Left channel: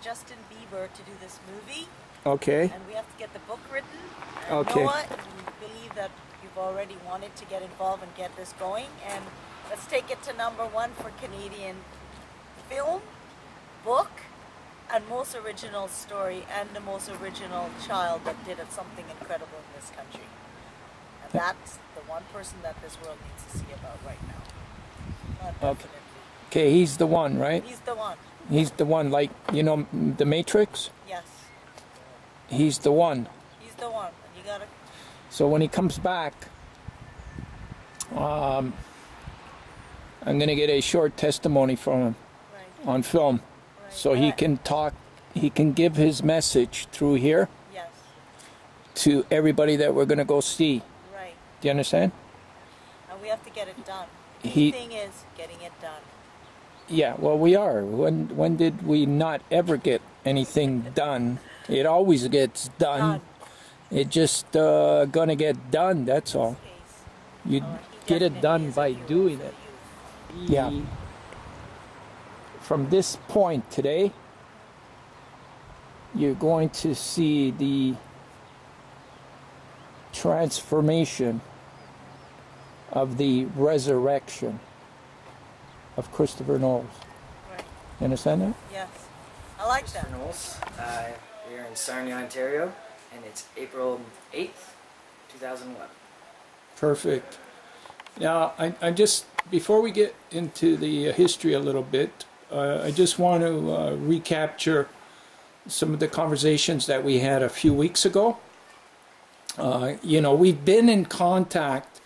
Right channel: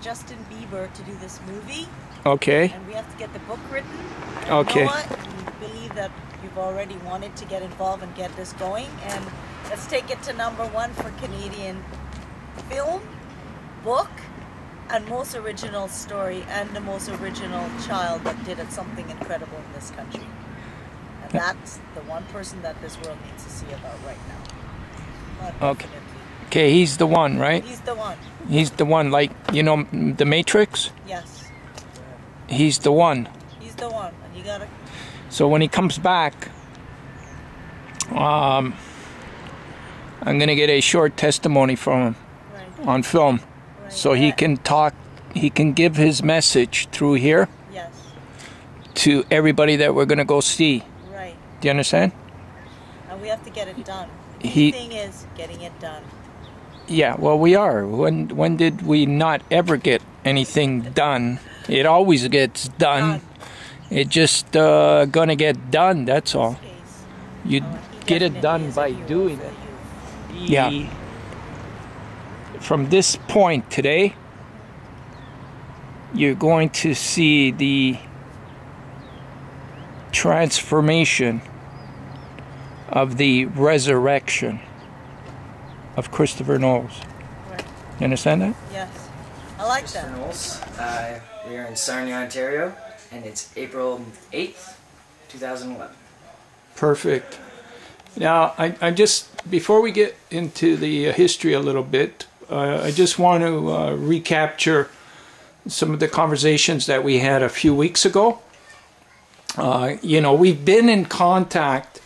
Justin Bieber to do this movie. Okay. And we have to get the book written. And Okay. Noah, we believe that you've already wanted to get involved and get this going. And let's take it to #1 for Canadian film, book, and most original story, and the most original child that did something incredible in this country. And that's the one person that this world needs to see about right now. Okay. Okay, he's the one, right? He's the one. He's the one, like, you know, The Matrix? Yes. He's the one. He's the one, and you gotta... So when he comes back, I'm going to get a short testimony from him on film. Right. So he can talk, he can give his message through here Yes. to everybody that we're going to go see. Right. Do you understand? And we have to get it done. The He- key thing is getting it done. Yeah, well, we are. When did we not ever get anything done? It always gets done. It just gonna get done, that's all. You get it done by doing it. Yeah. From this point today, you're going to see the transformation of the resurrection of Christopher Knowles. Right. You understand that? Yes. I like Kris that. Knowles. We are in Sarnia, Ontario, and it's April 8th, 2011. Perfect. Now, I just, before we get into the history a little bit, I just want to recapture some of the conversations that we had a few weeks ago. You know, we've been in contact,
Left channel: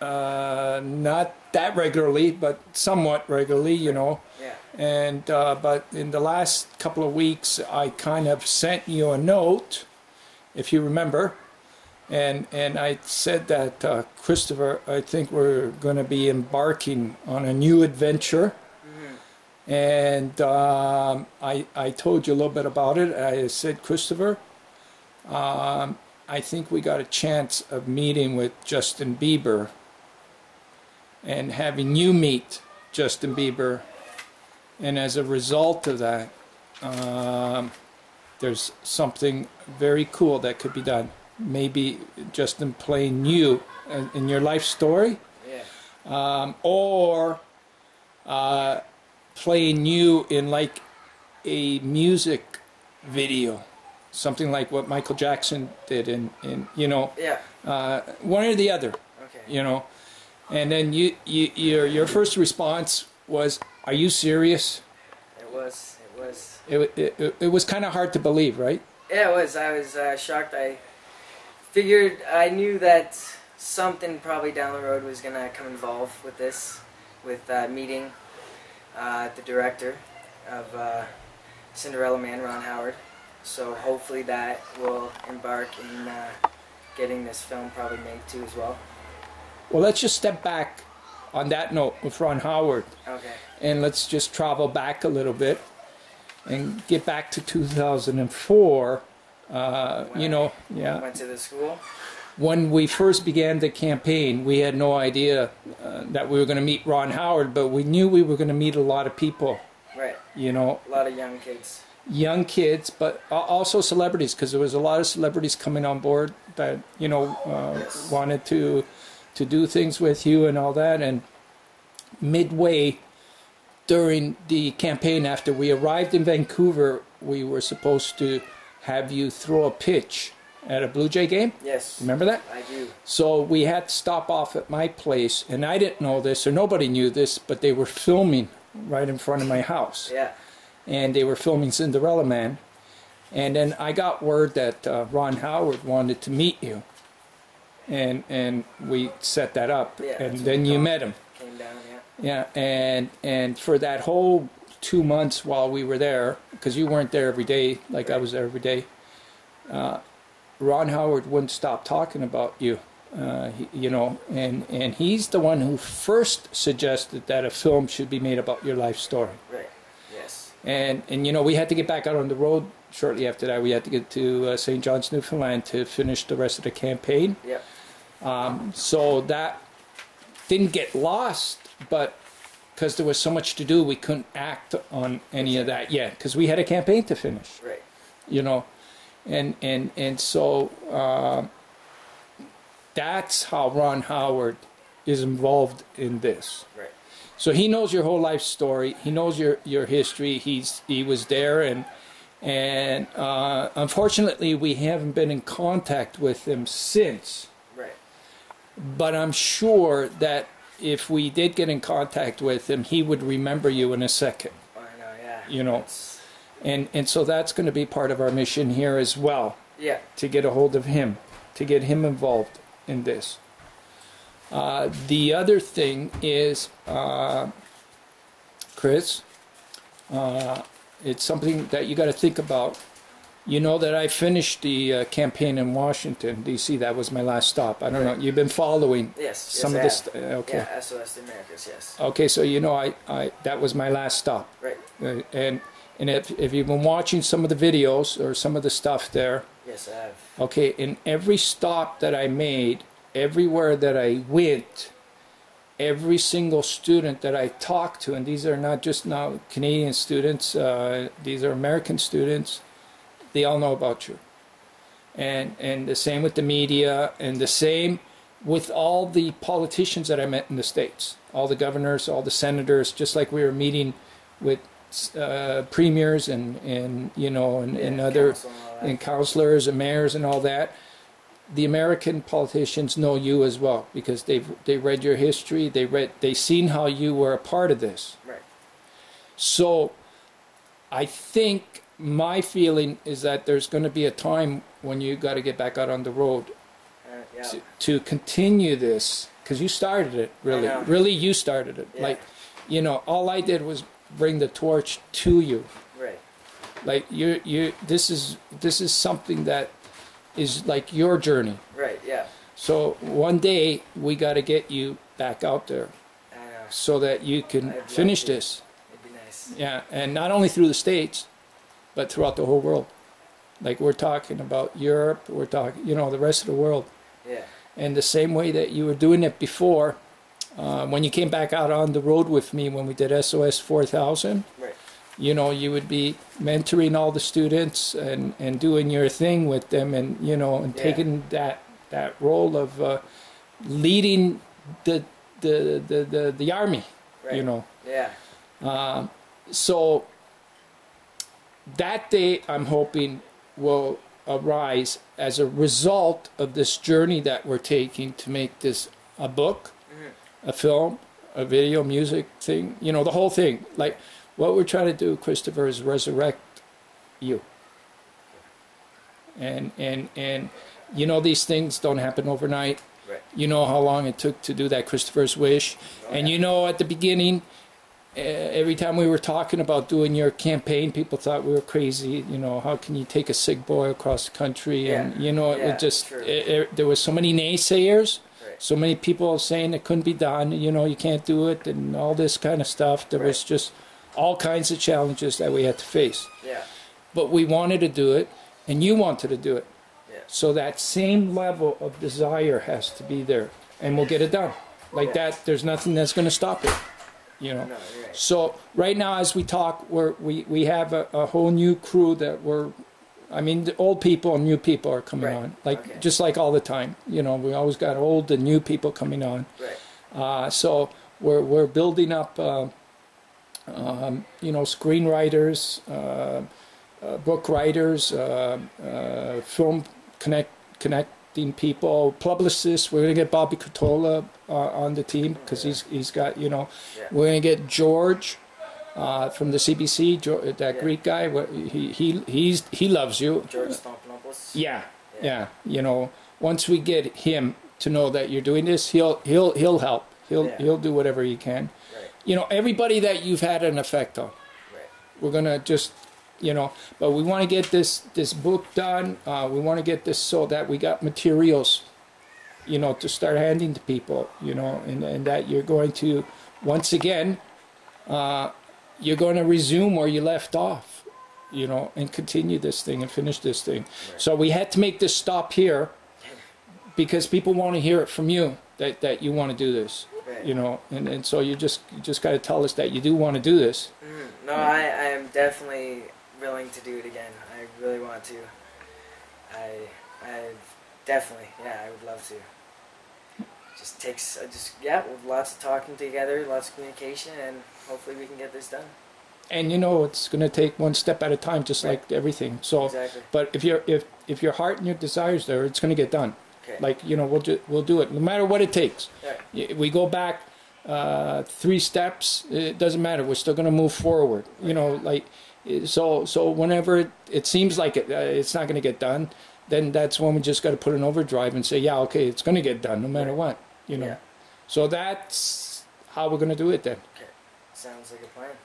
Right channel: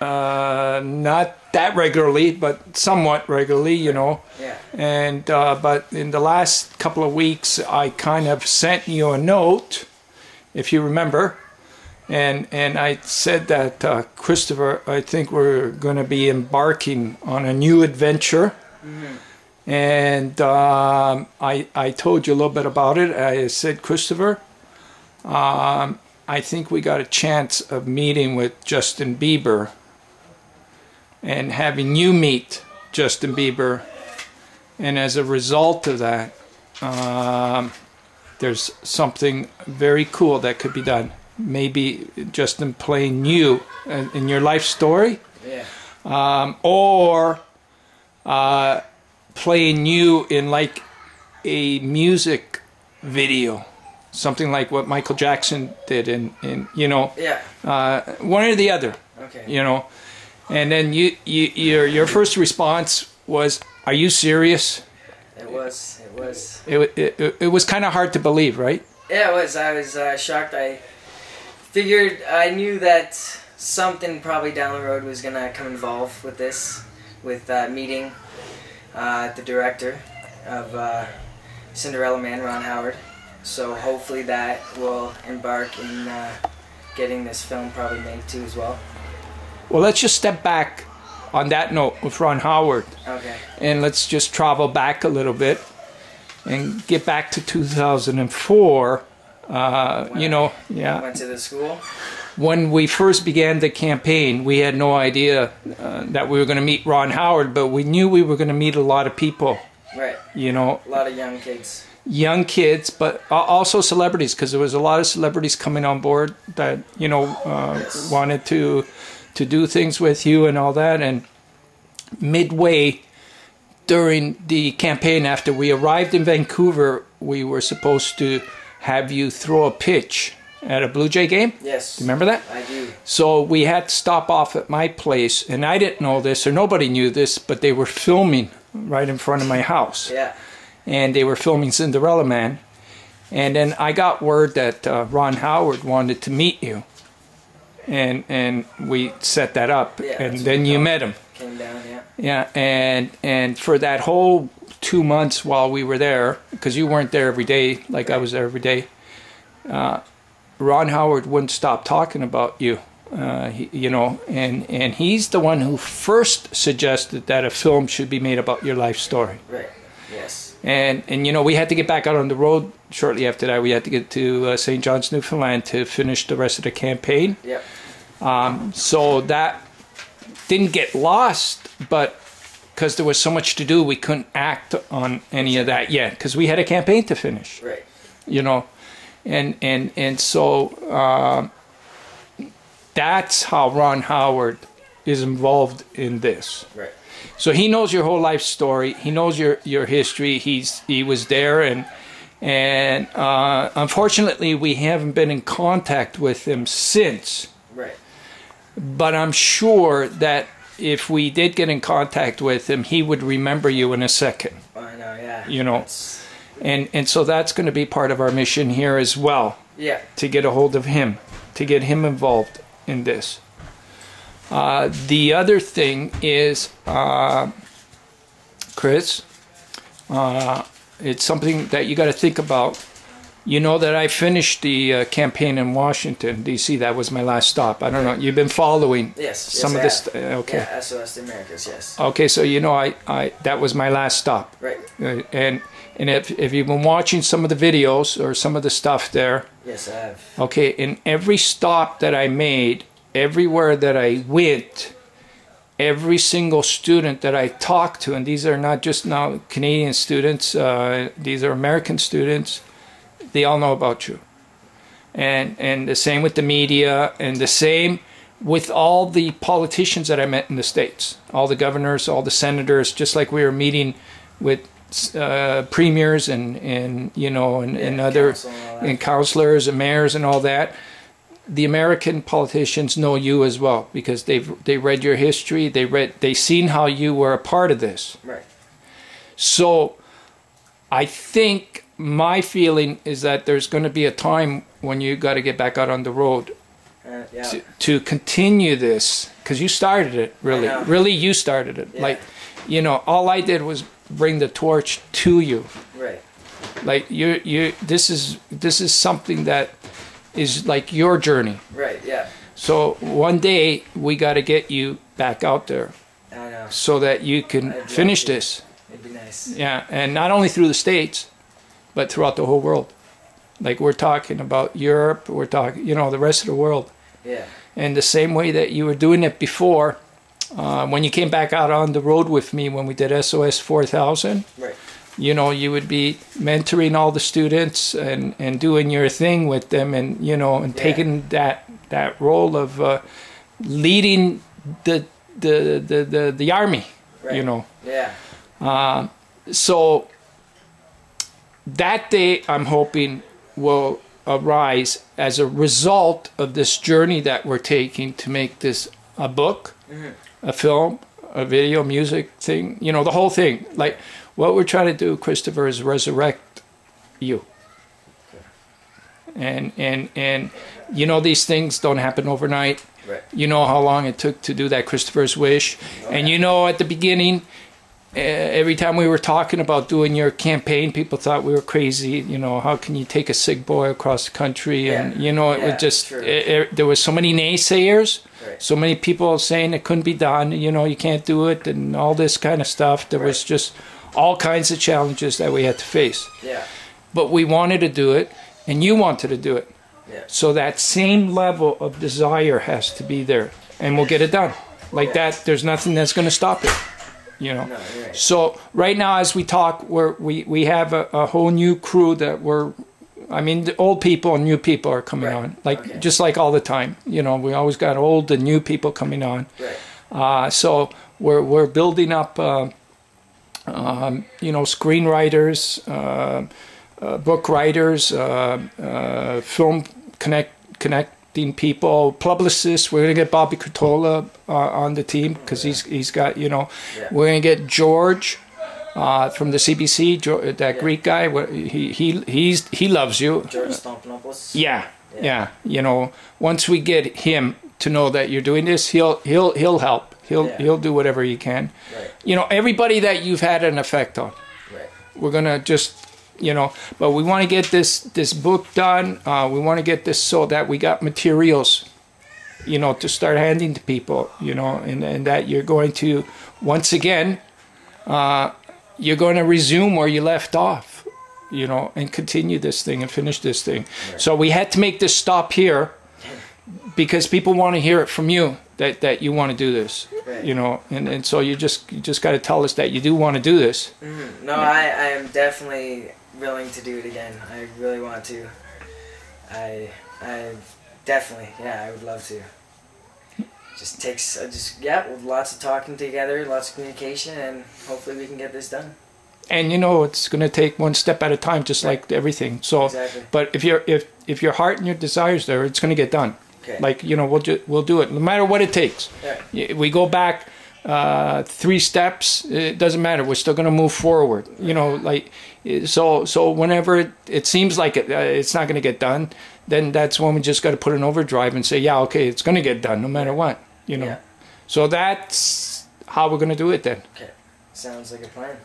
not that regularly, but somewhat regularly, you know. Yeah. And but in the last couple of weeks, I kind of sent you a note, if you remember, and I said that Christopher, I think we're going to be embarking on a new adventure. Mm-hmm. And I told you a little bit about it. I said, Christopher, I think we got a chance of meeting with Justin Bieber and having you meet Justin Bieber, and as a result of that, there's something very cool that could be done. Maybe Justin playing you in your life story, Yeah. or playing you in like a music video, something like what Michael Jackson did in you know, Yeah. one or the other. Okay. You know, and then your first response was, "Are you serious?" It was. It was kind of hard to believe, right? Yeah, it was. I was shocked. I figured, I knew that something probably down the road was gonna come involved with this, with meeting the director of Cinderella Man, Ron Howard. So hopefully that will embark in getting this film probably made too as well. Well, let's just step back on that note with Ron Howard. Okay. And let's just travel back a little bit and get back to 2004. You know, yeah. Went to the school. When we first began the campaign, we had no idea that we were going to meet Ron Howard, but we knew we were going to meet a lot of people. Right. You know, A lot of young kids. young kids, but also celebrities, because there was a lot of celebrities coming on board that, you know, Yes. wanted to do things with you and all that. And midway during the campaign, after we arrived in Vancouver, we were supposed to have you throw a pitch at a Blue Jay game. Yes. Remember that? I do. So we had to stop off at my place, and I didn't know this, or nobody knew this, but they were filming right in front of my house. Yeah. And they were filming Cinderella Man. And then I got word that Ron Howard wanted to meet you. And we set that up. Yeah, and that's then what you we met him. Came down, yeah. Yeah, and for that whole 2 months while we were there, because you weren't there every day like I was there every day, Ron Howard wouldn't stop talking about you. You know, and he's the one who first suggested that a film should be made about your life story. Right. Yes. And you know, we had to get back out on the road shortly after that. We had to get to St. John's, Newfoundland to finish the rest of the campaign. Yep. So that didn't get lost, but because there was so much to do, we couldn't act on any of that yet, because we had a campaign to finish. Right. You know, and so that's how Ron Howard is involved in this. Right. So he knows your whole life story. He knows your history. He was there, and unfortunately we haven't been in contact with him since. Right. But I'm sure that if we did get in contact with him, he would remember you in a second. I know, yeah. You know, and so that's going to be part of our mission here as well. Yeah. To get a hold of him, to get him involved in this. The other thing is, Kris, it's something that you got to think about. You know that I finished the campaign in Washington, D.C. That was my last stop. I don't know. You've been following some of this. Okay. Yeah, SOS the Americas, yes. Okay, so you know I that was my last stop. Right. And if you've been watching some of the videos or some of the stuff there. Yes, I have. Okay, in every stop that I made, everywhere that I went, every single student that I talked to, and these are not just now Canadian students, these are American students, they all know about you. And the same with the media, and the same with all the politicians that I met in the States, all the governors, all the senators, just like we were meeting with premiers and you know, and other and counselors and mayors and all that. The American politicians know you as well, because they read your history, they seen how you were a part of this. Right. So I think my feeling is that there's going to be a time when you got to get back out on the road Yeah. to continue this, because you started it, really you started it. Yeah. Like, you know, all I did was bring the torch to you. Right. Like this is something that is like your journey. Right, yeah. So one day we got to get you back out there. I know. So that you can finish this. It'd be nice. Yeah, and not only through the States, but throughout the whole world. Like we're talking about Europe, we're talking, you know, the rest of the world. Yeah. And the same way that you were doing it before, when you came back out on the road with me when we did SOS 4000. Right. You know, you would be mentoring all the students and doing your thing with them, and you know, and taking that role of leading the army. Right. You know. Yeah. So that day, I'm hoping, will arise as a result of this journey that we're taking to make this a book, a film, a video, music thing. You know, the whole thing. Like. What we're trying to do, Christopher, is resurrect you. And you know, these things don't happen overnight. Right. You know how long it took to do that Christopher's Wish. And you know, at the beginning, every time we were talking about doing your campaign, people thought we were crazy. You know, how can you take a sick boy across the country? Yeah. And, you know, it just, there was so many naysayers. Right. So many people saying it couldn't be done. You know, you can't do it and all this kind of stuff. There was just all kinds of challenges that we had to face. Yeah. But we wanted to do it, and you wanted to do it. Yeah. So that same level of desire has to be there, and we'll get it done. Like that, there's nothing that's going to stop it. You know. No, you're right. So right now, as we talk, we have a whole new crew that I mean, the old people and new people are coming on, like just like all the time. You know, we always got old and new people coming on. Right. So we're building up. You know, screenwriters, book writers, film connecting people, publicists. We're going to get Bobby Cotola on the team because he's got, you know, we're going to get George from the CBC, that Greek guy. He loves you. George Stompanopoulos. Yeah. You know, once we get him to know that you're doing this, he'll help. He'll do whatever he can. Right. You know, everybody that you've had an effect on. Right. We're gonna just, you know, but we want to get this book done. We want to get this so that we got materials, you know, to start handing to people. You know, and that you're going to once again, you're going to resume where you left off. You know, and continue this thing and finish this thing. Right. So we had to make this stop here because people want to hear it from you. that you want to do this, Right. you know, and so you just got to tell us that you do want to do this. No, I am definitely willing to do it again. I really want to. I definitely, yeah, I would love to. Just takes, lots of talking together, lots of communication, and hopefully we can get this done. And you know, it's going to take one step at a time, just Right. like everything. So, Exactly. but if your heart and your desires there, it's going to get done. Okay. Like, you know, we'll do it no matter what it takes. Right. We go back 3 steps, it doesn't matter. We're still going to move forward. You know, like so whenever it seems like it's not going to get done, then that's when we just got to put an overdrive and say, yeah, okay, it's going to get done no matter what. You know. Yeah. So that's how we're going to do it then. Okay. Sounds like a plan.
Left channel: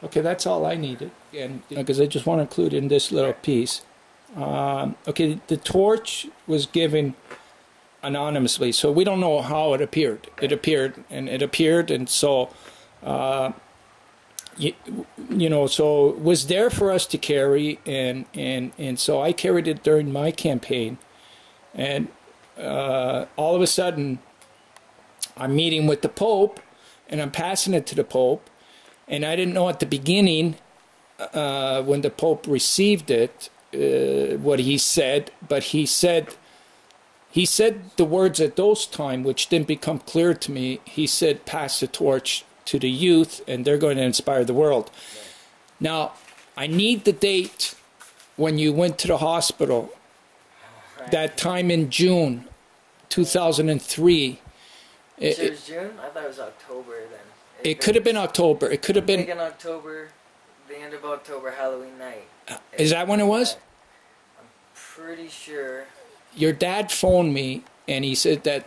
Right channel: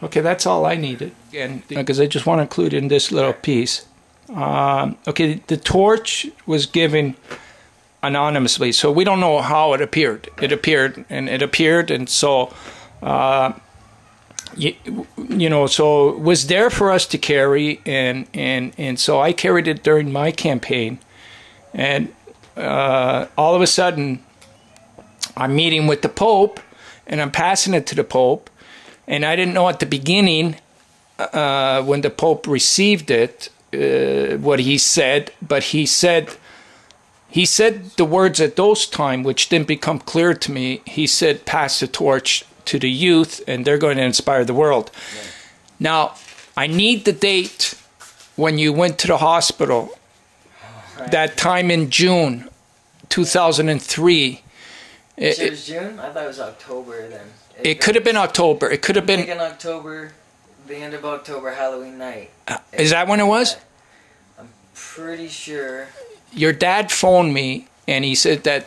Okay, that's all I needed. And because I just want to include in this little piece. Okay, the torch was given anonymously, so we don't know how it appeared. It appeared, and so you know, so it was there for us to carry, and so I carried it during my campaign, and all of a sudden, I'm meeting with the Pope, and I'm passing it to the Pope, and I didn't know at the beginning when the Pope received it what he said, but he said the words at those time which didn't become clear to me. He said, "Pass the torch to the youth, and they're going to inspire the world." Right. Now, I need the date when you went to the hospital. Right. That time in June 2003. It was June? I thought it was October then. It could have been October. It could have been... in October, the end of October, Halloween night. Is that when it was? I'm pretty sure. Your dad phoned me, and he said that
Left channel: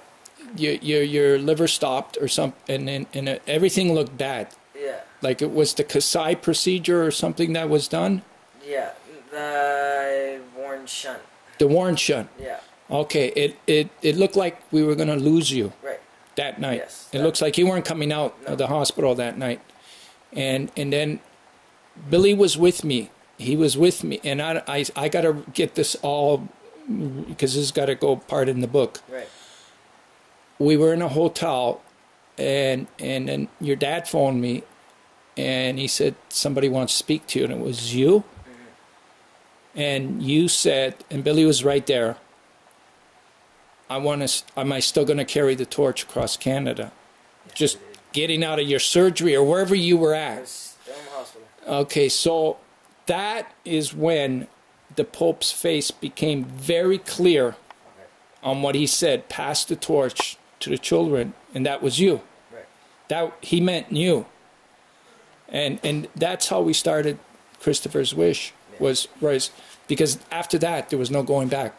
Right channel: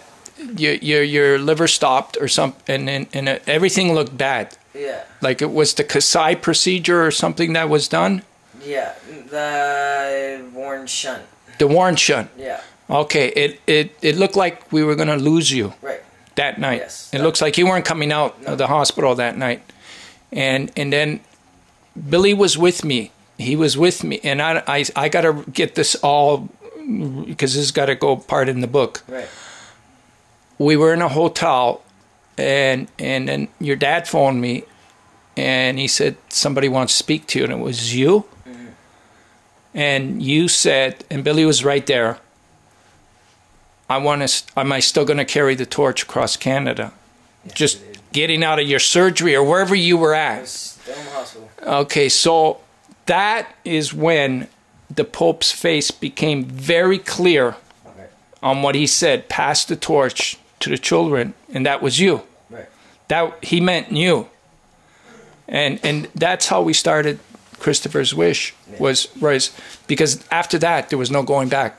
your liver stopped or something, and everything looked bad. Yeah. Like it was the Kasai procedure or something that was done? Yeah, the Warren shunt. The Warren shunt. Yeah. Okay, it looked like we were going to lose you. Right. That night. Yes. It looks like you weren't coming out of the hospital that night. And then Billy was with me. He was with me. And I got to get this all, because this has got to go part in the book. Right. We were in a hotel, and then your dad phoned me, and he said, somebody wants to speak to you, and it was you. Mm-hmm. And you said, and Billy was right there, am I still going to carry the torch across Canada? Yes, just getting out of your surgery or wherever you were at. I was still in the hospital. Okay, so that is when the Pope's face became very clear on what he said, pass the torch to the children, and that was you. Right. That he meant you. And that's how we started Christopher's Wish, was because after that there was no going back.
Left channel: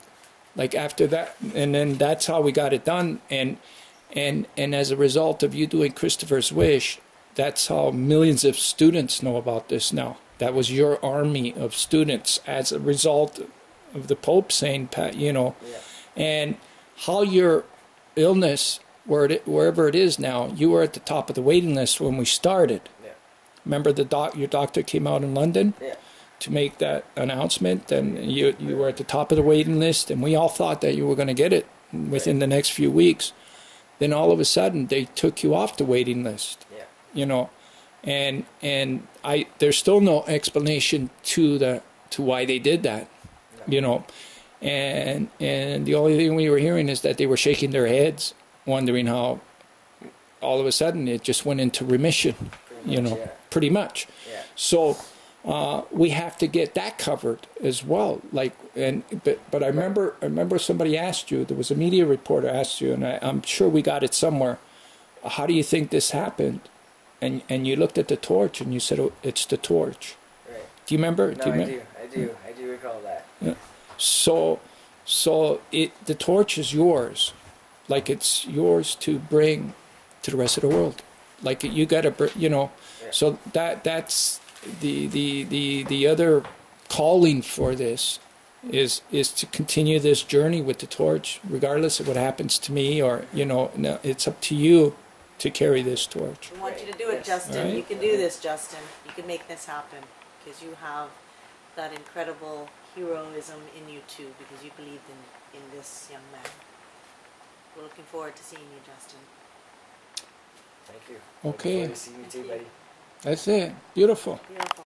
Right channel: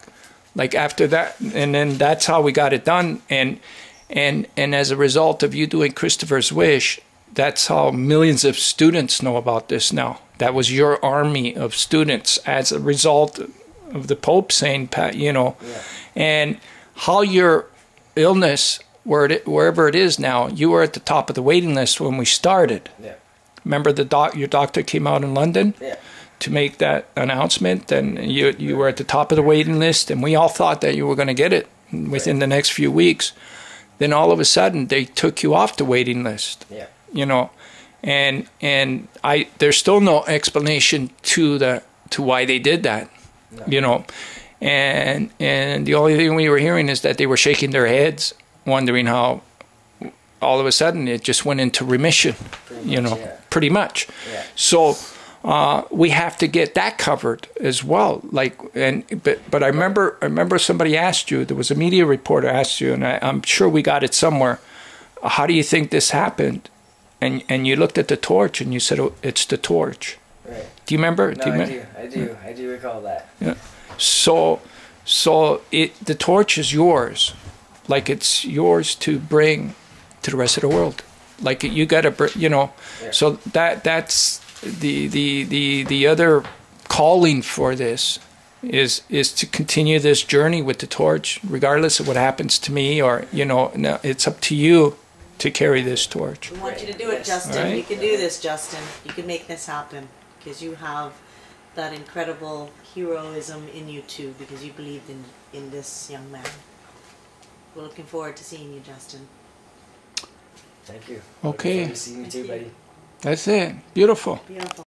Like after that, and then that's how we got it done, and as a result of you doing Christopher's Wish, that's how millions of students know about this now. That was your army of students as a result of the Pope saying, you know, and how your illness, wherever it is now, you were at the top of the waiting list when we started. Yeah. Remember your doctor came out in London? Yeah. To make that announcement, and you were at the top of the waiting list, and we all thought that you were going to get it within the next few weeks. Then all of a sudden they took you off the waiting list. Yeah. You know, and there's still no explanation to why they did that. No. You know, and the only thing we were hearing is that they were shaking their heads, wondering how all of a sudden it just went into remission. Pretty much. Yeah. So. We have to get that covered as well. But I remember somebody asked you. There was a media reporter asked you, and I'm sure we got it somewhere. How do you think this happened? And you looked at the torch and you said, "Oh, it's the torch." Right. Do you remember? No, I do recall that. Yeah. So the torch is yours, like it's yours to bring to the rest of the world. Like you got to, you know. Yeah. So that's. The other calling for this is to continue this journey with the torch, regardless of what happens to me, or no, it's up to you to carry this torch. We want you to do it, Justin. Right? You can do this, Justin. You can make this happen because you have that incredible heroism in you too, because you believed in this young man. we're looking forward to seeing you, Justin. Thank you. Okay. Looking forward to seeing you too, Thank you. buddy. That's it. Beautiful. Beautiful.